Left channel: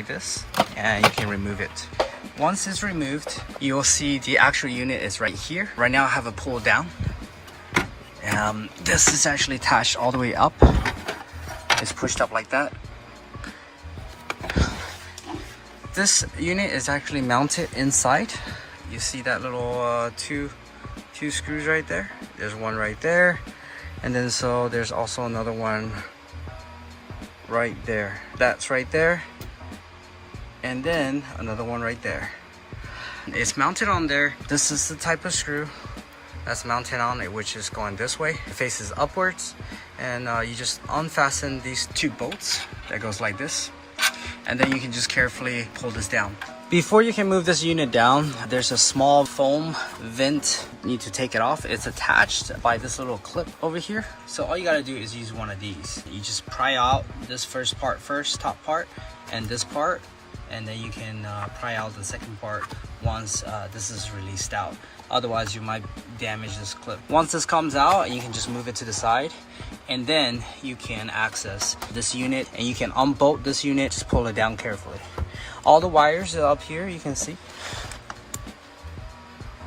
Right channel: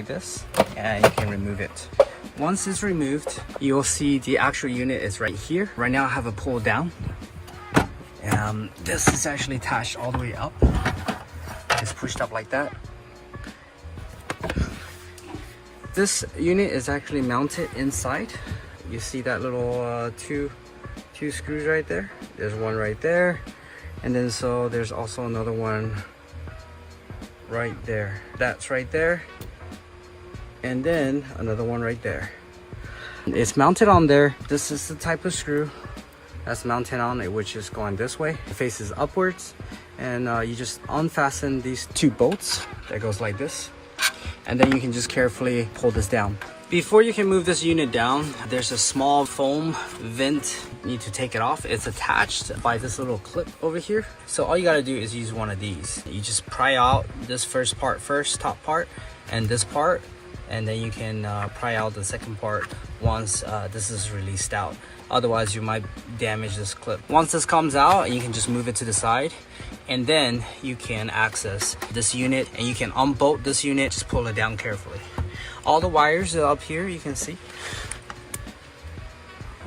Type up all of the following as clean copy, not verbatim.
like this, and you can remove it. Once it's removed, you'll see the actual unit is right here. Right now I have it pulled down. This is actually attached all the way up. It's pushed up like that. This unit is actually mounted inside. You see that little two screws right there. There's one right there, and then so there's also another one right there. That's right there, and then another one right there. It's mounted on there. This is the type of screw that's mounted on it, which is going this way. It faces upwards, and you just unfasten these two bolts that goes like this, and then you can just carefully pull this down. Before you can move this unit down, there's a small foam vent. You need to take it off. It's attached by this little clip over here. So all you gotta do is use one of these. You just pry out this first part first, top part, and this part, and then you can pry out the second part once this is released out. Otherwise you might damage this clip. Once this comes out, you can just move it to the side, and then you can access this unit, and you can unbolt this unit. Just pull it down carefully. All the wires are up here, you can see.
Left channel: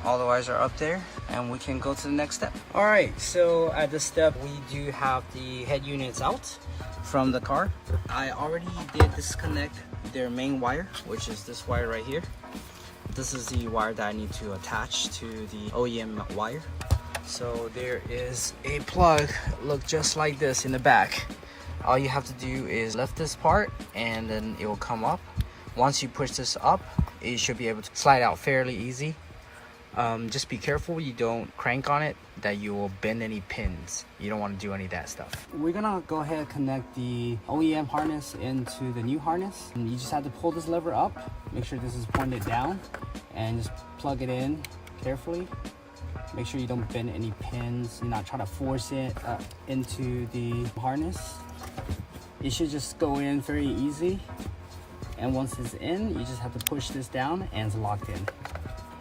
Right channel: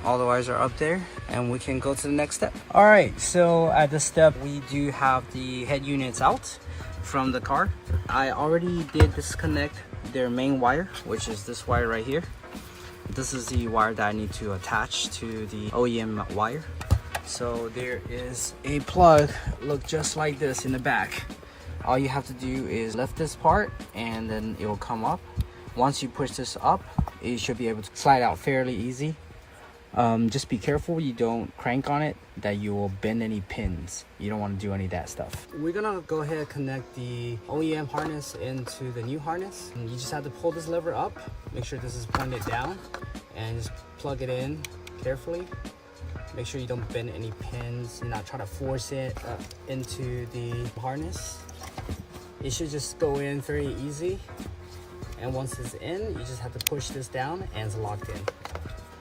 All the wires are up there, and we can go to the next step. All right, so at this step, we do have the head units out from the car. I already did disconnect their main wire, which is this wire right here. This is the wire that I need to attach to the OEM wire. So there is a plug, look just like this in the back. All you have to do is lift this part, and then it will come up. Once you push this up, it should be able to slide out fairly easy. Just be careful you don't crank on it, that you will bend any pins. You don't want to do any of that stuff. We're gonna go ahead and connect the OEM harness into the new harness. And you just have to pull this lever up, make sure this is pointed down, and just plug it in carefully. Make sure you don't bend any pins. You're not trying to force it into the harness. It should just go in very easy. And once it's in, you just have to push this down and it's locked in.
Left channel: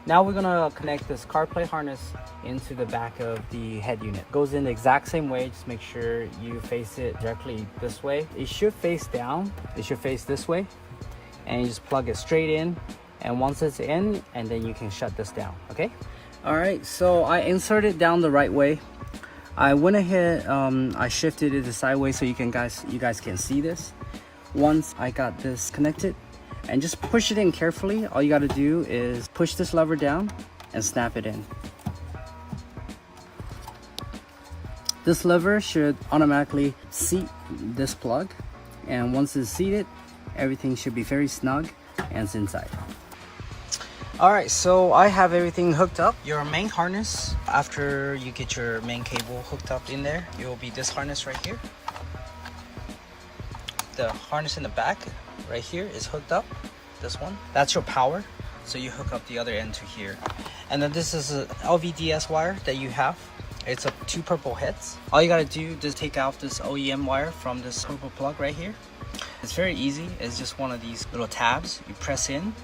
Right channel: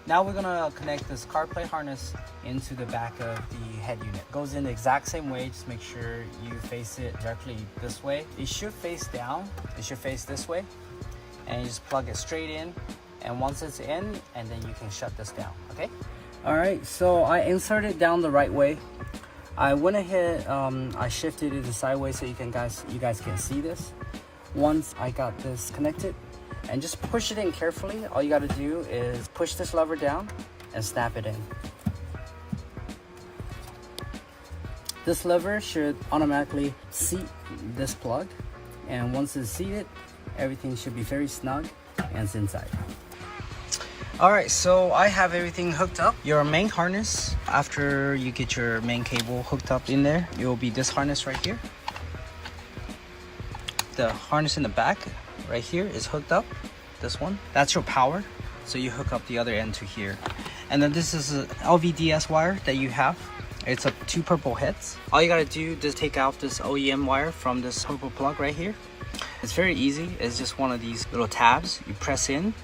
Now we're gonna connect this CarPlay harness into the back of the head unit. It goes in the exact same way, just make sure you face it directly this way. It should face down, it should face this way, and you just plug it straight in, and once it's in, and then you can shut this down, okay? All right, so I inserted down the right way. I went ahead, I shifted it sideways so you guys can see this. Once I got this connected, and just push it in carefully. All you got to do is push this lever down and snap it in. This lever should automatically seat this plug, and once it's seated, everything should be very snug and it's inside. Alright, so I have everything hooked up. Your main harness, after you get your main cable hooked up in there, it will be this harness right here. The harness in the back right here is hooked up, this one. That's your power, so you hook up the other end to here. And then this is an LVDS wire that you have. It's two purple heads. All you gotta do is take out this OEM wire from this purple plug right here. It's very easy. It's just one of these little tabs. You press in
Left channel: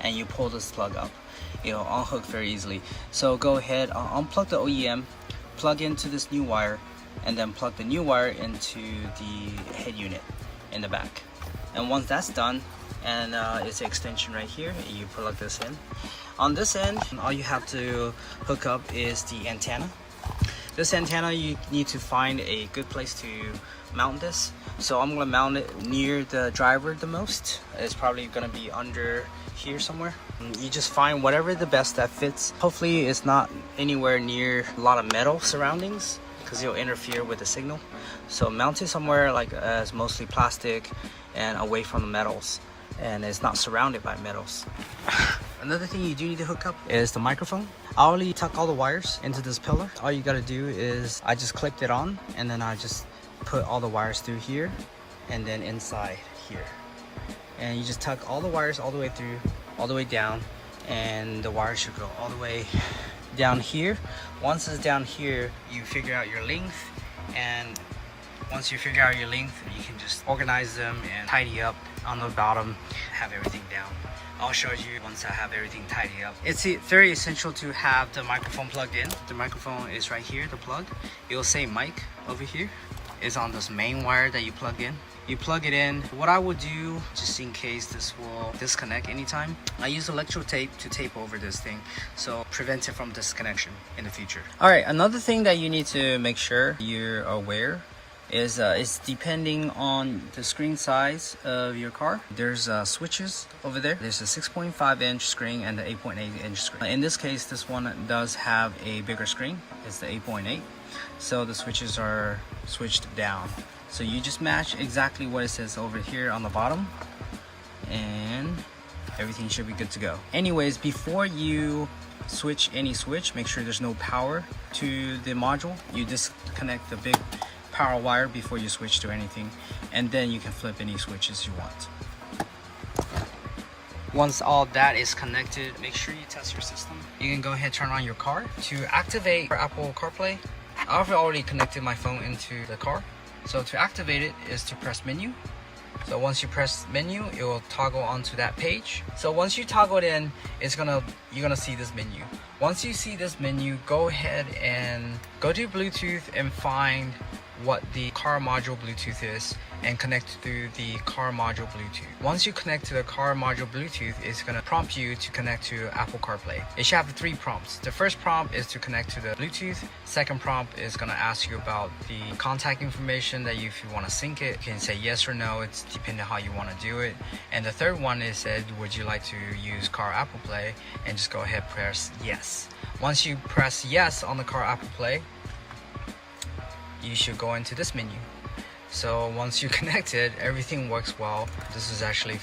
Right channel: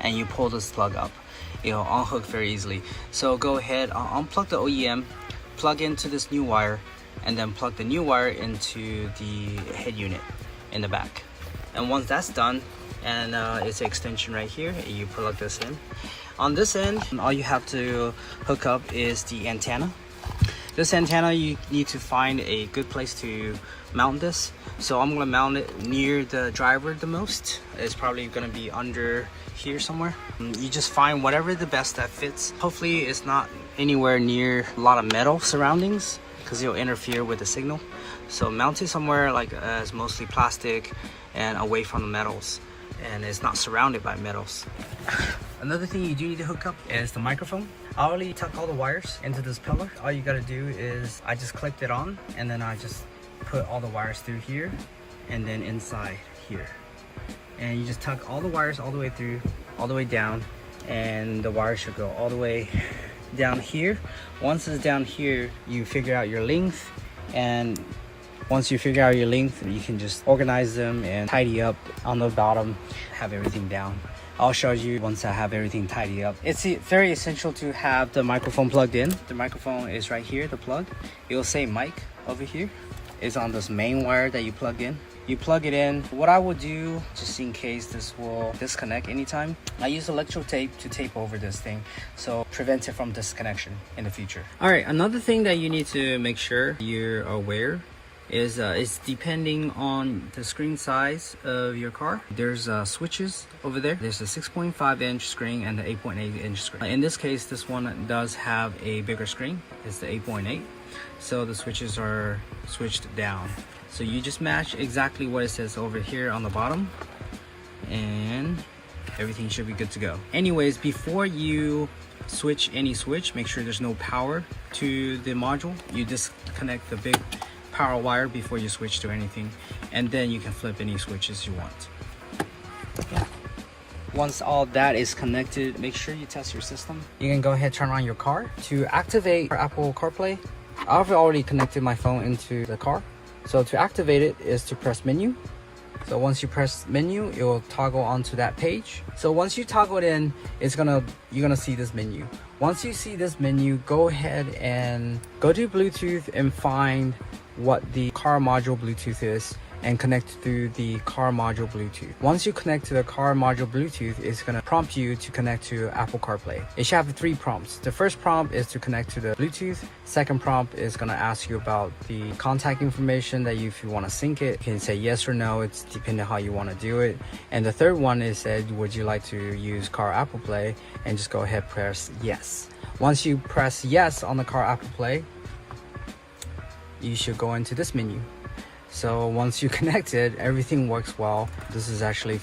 and you pull this plug up. It'll unhook very easily. So go ahead, unplug the OEM, plug into this new wire, and then plug the new wire into the head unit in the back. And once that's done, and it's an extension right here, you plug this in. On this end, all you have to hook up is the antenna. This antenna, you need to find a good place to mount this. So I'm gonna mount it near the driver the most. It's probably gonna be under here somewhere. You just find whatever the best that fits. Hopefully it's not anywhere near a lot of metal surroundings, because it'll interfere with the signal. So mount it somewhere like as mostly plastic and away from the metals, and it's not surrounded by metals. Another thing you do need to hook up is the microphone. I already tuck all the wires into this pillar. All you gotta do is I just clicked it on, and then I just put all the wires through here and then inside here. And you just tuck all the wires all the way through, all the way down, and the wires should go all the way down here. Once it's down here, you figure out your length, and once you figure out your length, you can just organize them and tidy up on the bottom, have everything down. I'll show you once I have everything tidied up. It's very essential to have the microphone plugged in. The microphone is right here, the plug. It will say mic over here. It's on this main wire that you plug in. You plug it in. What I will do, just in case this will disconnect anytime, I use electro tape to tape over this thing, so prevent it from disconnection in the future. All right, another thing that you need to make sure you're aware is it's depending on the screen size of your car. There's switches over there. There's a 6.5 inch screen and the 8.8 inch screen. In this case, this one does have a bigger screen. It's the 8.8. So the switches are switched down. So you just match exactly what it says over here on the bottom, and everything should be good to go. Anyways, before you switch any switch, make sure there's no power to the module. You disconnect the big power wire before you switch to anything, and then you can flip any switches you want. Yeah. Once all that is connected, make sure you test your system. You can go ahead, turn on your car. To activate Apple CarPlay, I've already connected my phone into the car. So to activate it is to press menu. So once you press menu, it will toggle onto that page. So once you toggle it in, you're gonna see this menu. Once you see this menu, go ahead and go to Bluetooth and find what the car module Bluetooth is and connect through the car module Bluetooth. Once you connect to the car module Bluetooth, it's gonna prompt you to connect to Apple CarPlay. It should have 3 prompts. The first prompt is to connect to the Bluetooth. Second prompt is gonna ask you about the contact information that if you wanna sync it, you can say yes or no. It's depending on how you wanna do it. And the third one is said, would you like to use car Apple Play? And just go ahead, press yes. Once you press yes on the car Apple Play, you should go into this menu. So once you connect it, everything works well. This is actually